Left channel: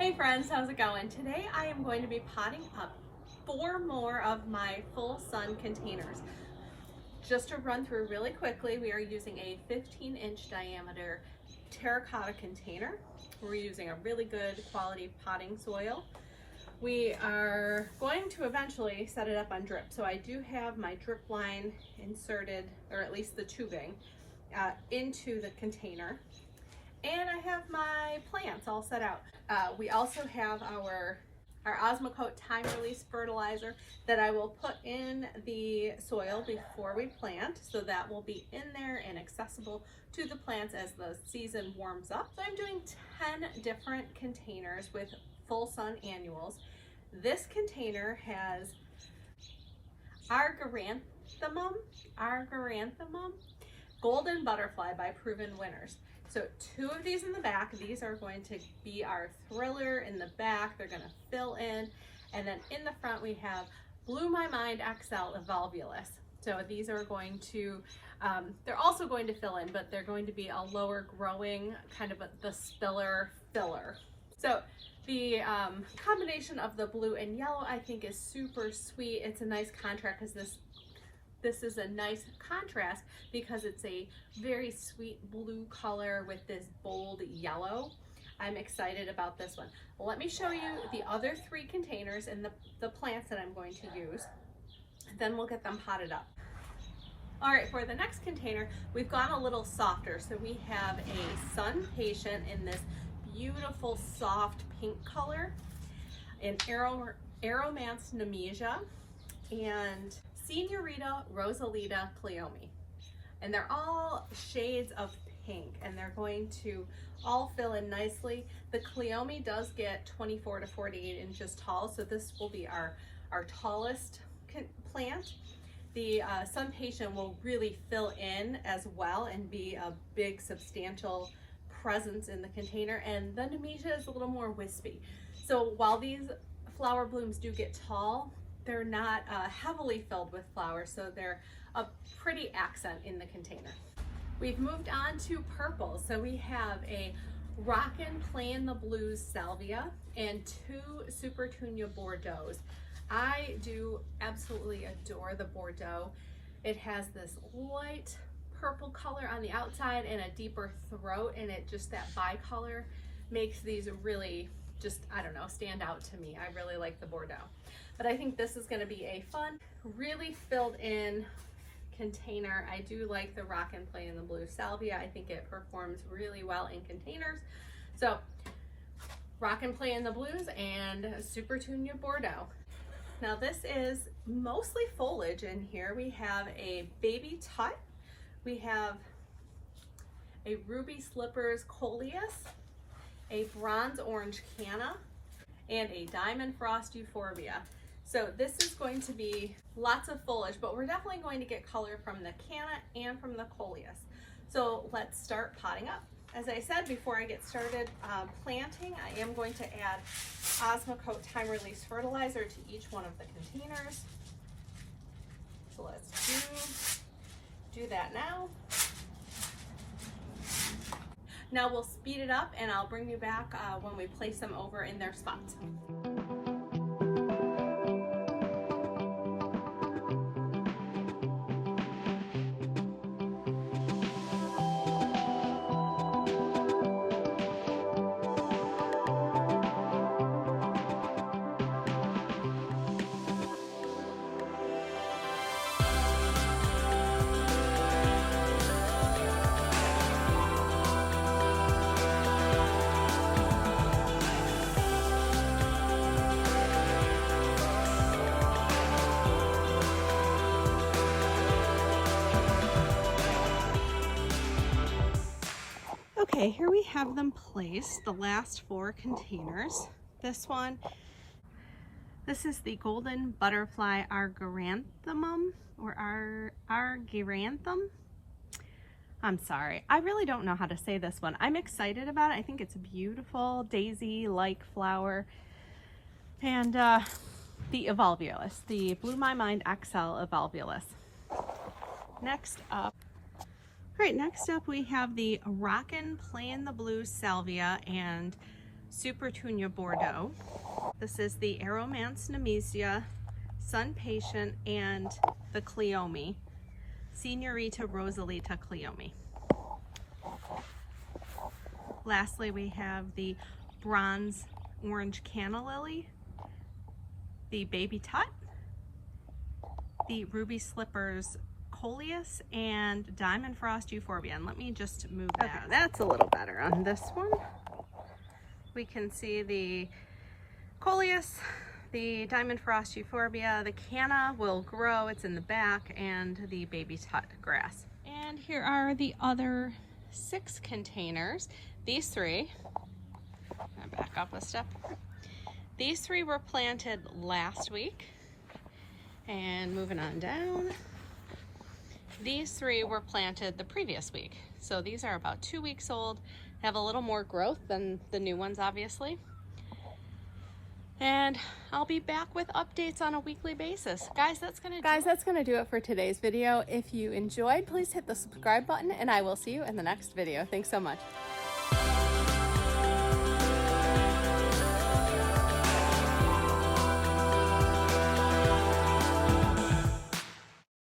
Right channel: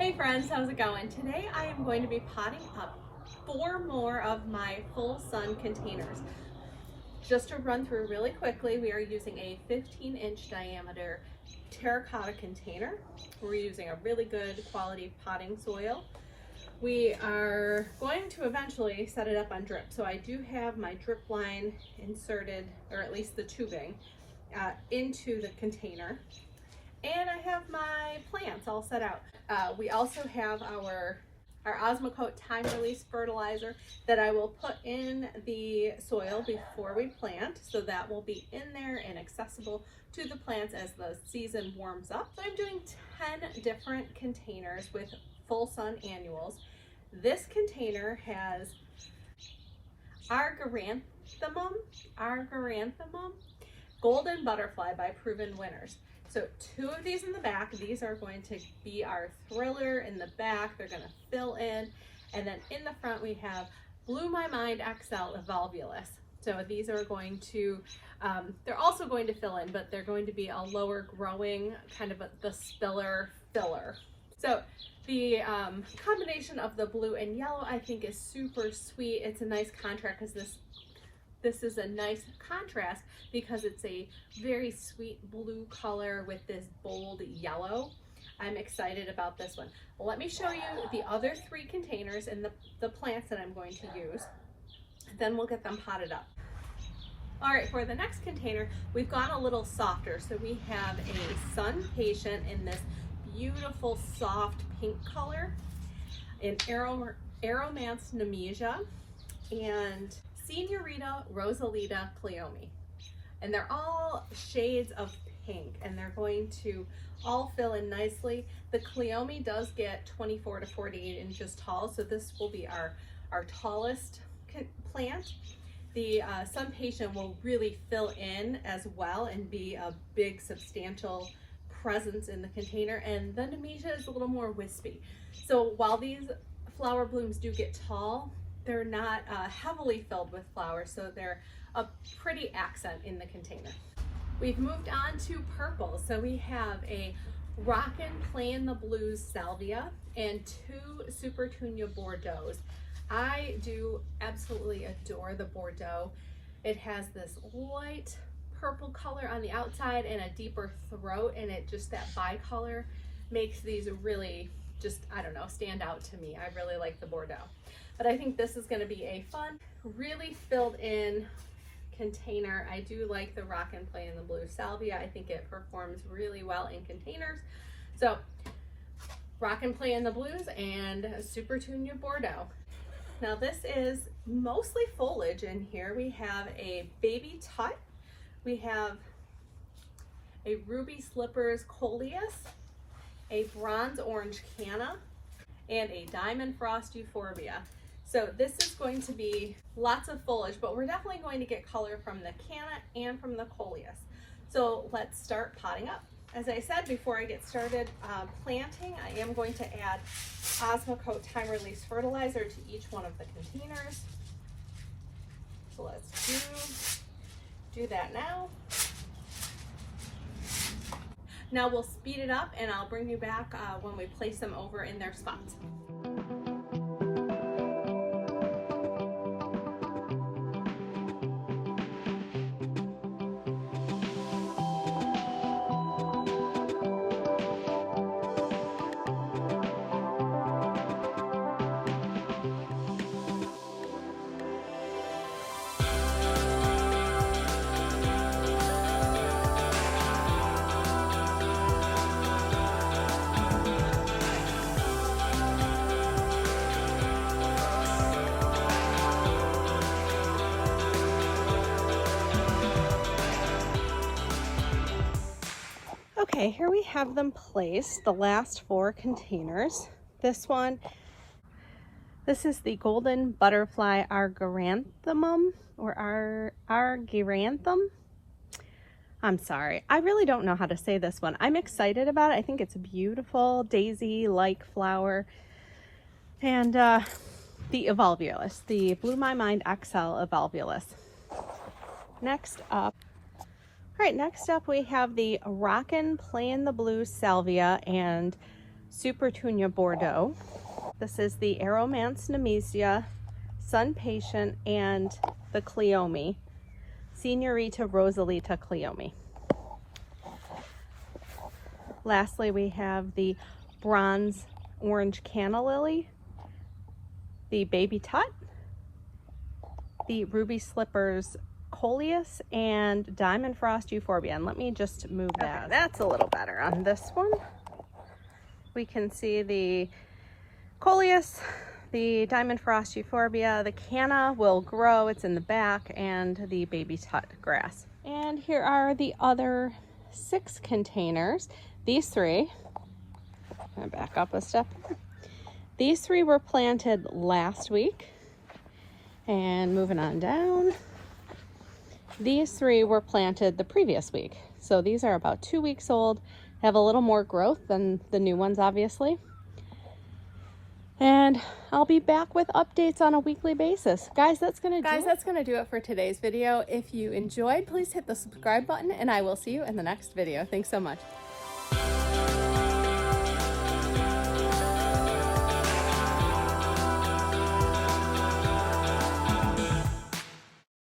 Hey friends, how's it going? Today I am going to be potting up 4 more of my full sun containers. Just to run through really quickly, we are using a 15-inch diameter terracotta container. We're using a really good quality potting soil. We are going to eventually set it up on drip. So I do have my drip line inserted, or at least the tubing, into the container. And I have my plants all set out. We also have our Osmocote time release fertilizer that I will put in the soil before we plant, so that will be in there and accessible to the plants as the season warms up. So I'm doing 10 different containers with full sun annuals. This container has Argyranthemum Golden Butterfly by Proven Winners. So 2 of these in the back. These are going to be our thriller in the back. They're going to fill in. And then in the front we have Blew My Mind XL Evolvulus. So these are going to, they're also going to fill in, but they're going to be a lower growing, kind of the spiller filler. So the combination of the blue and yellow I think is super sweet. It's a nice contrast because this is a nice contrast because it's a very sweet blue color with this bold yellow. I'm excited about this one. Well, let me show you the other 3 containers and the plants that I'm going to use. Then we'll get them potted up. All right, for the next container, we've gone a little softer. So we have a Sun Patient in this beautiful soft pink color, an Aromance Nemesia, and Senorita Rosalita Cleome. And they're all shades of pink and they're going to all fill in nicely. The Cleome does get 24 to 48 inches tall, so this will be our tallest plant. The Sun Patient will really fill in as well and be a big substantial presence in the container, and the Nemesia is a little more wispy. So while these flower blooms do get tall, they're not heavily filled with flowers, so they're a pretty accent in the container. We've moved on to purple. So we have a Rockin' Playin' the Blues Salvia and 2 Supertunia Bordeaux. I do absolutely adore the Bordeaux. It has this light purple color on the outside and a deeper throat, and it just, that bicolor makes these really just, I don't know, stand out to me. I really like the Bordeaux. But I think this is going to be a fun, really filled in container. I do like the Rockin' Playin' the Blue Salvia. I think it performs really well in containers. So Rockin' Playin' the Blues and Supertunia Bordeaux. Now this is mostly foliage in here. We have a Baby Tut. We have a Ruby Slippers Coleus, a Bronze Orange Canna, and a Diamond Frost Euphorbia. So this is going to be lots of foliage, but we're definitely going to get color from the Canna and from the Coleus. So let's start potting up. As I said before I get started planting, I am going to add Osmocote time release fertilizer to each one of the containers. So let's do that now. Now we'll speed it up and I'll bring you back when we place them over in their spots. Okay, here we have them placed, the last 4 containers. This is the Golden Butterfly Argyranthemum, or Argyranthum. I'm sorry, I really don't know how to say this one. I'm excited about it. I think it's a beautiful daisy-like flower. And the Evolvulus, the Blew My Mind XL Evolvulus. Next up we have the Rockin' Playin' the Blue Salvia and Supertunia Bordeaux. This is the Aromance Nemesia, Sun Patient, and the Cleome, Senorita Rosalita Cleome. Lastly, we have the Bronze Orange Canna Lily, the Baby Tut, the Ruby Slippers Coleus, and Diamond Frost Euphorbia. And let me just move that. Okay, that's a little better on this one. We can see the Coleus, the Diamond Frost Euphorbia, the Canna will grow, it's in the back, and the Baby Tut grass. And here are the other 6 containers. These 3, I'm gonna back up a step. These 3 were planted last week. And moving on down, these 3 were planted the previous week. So these are about 2 weeks old, have a little more growth than the new ones, obviously. And I'll be back with updates on a weekly basis. Guys, that's gonna do it for today's video. If you enjoyed, please hit the subscribe button, and I will see you in the next video. Thanks so much.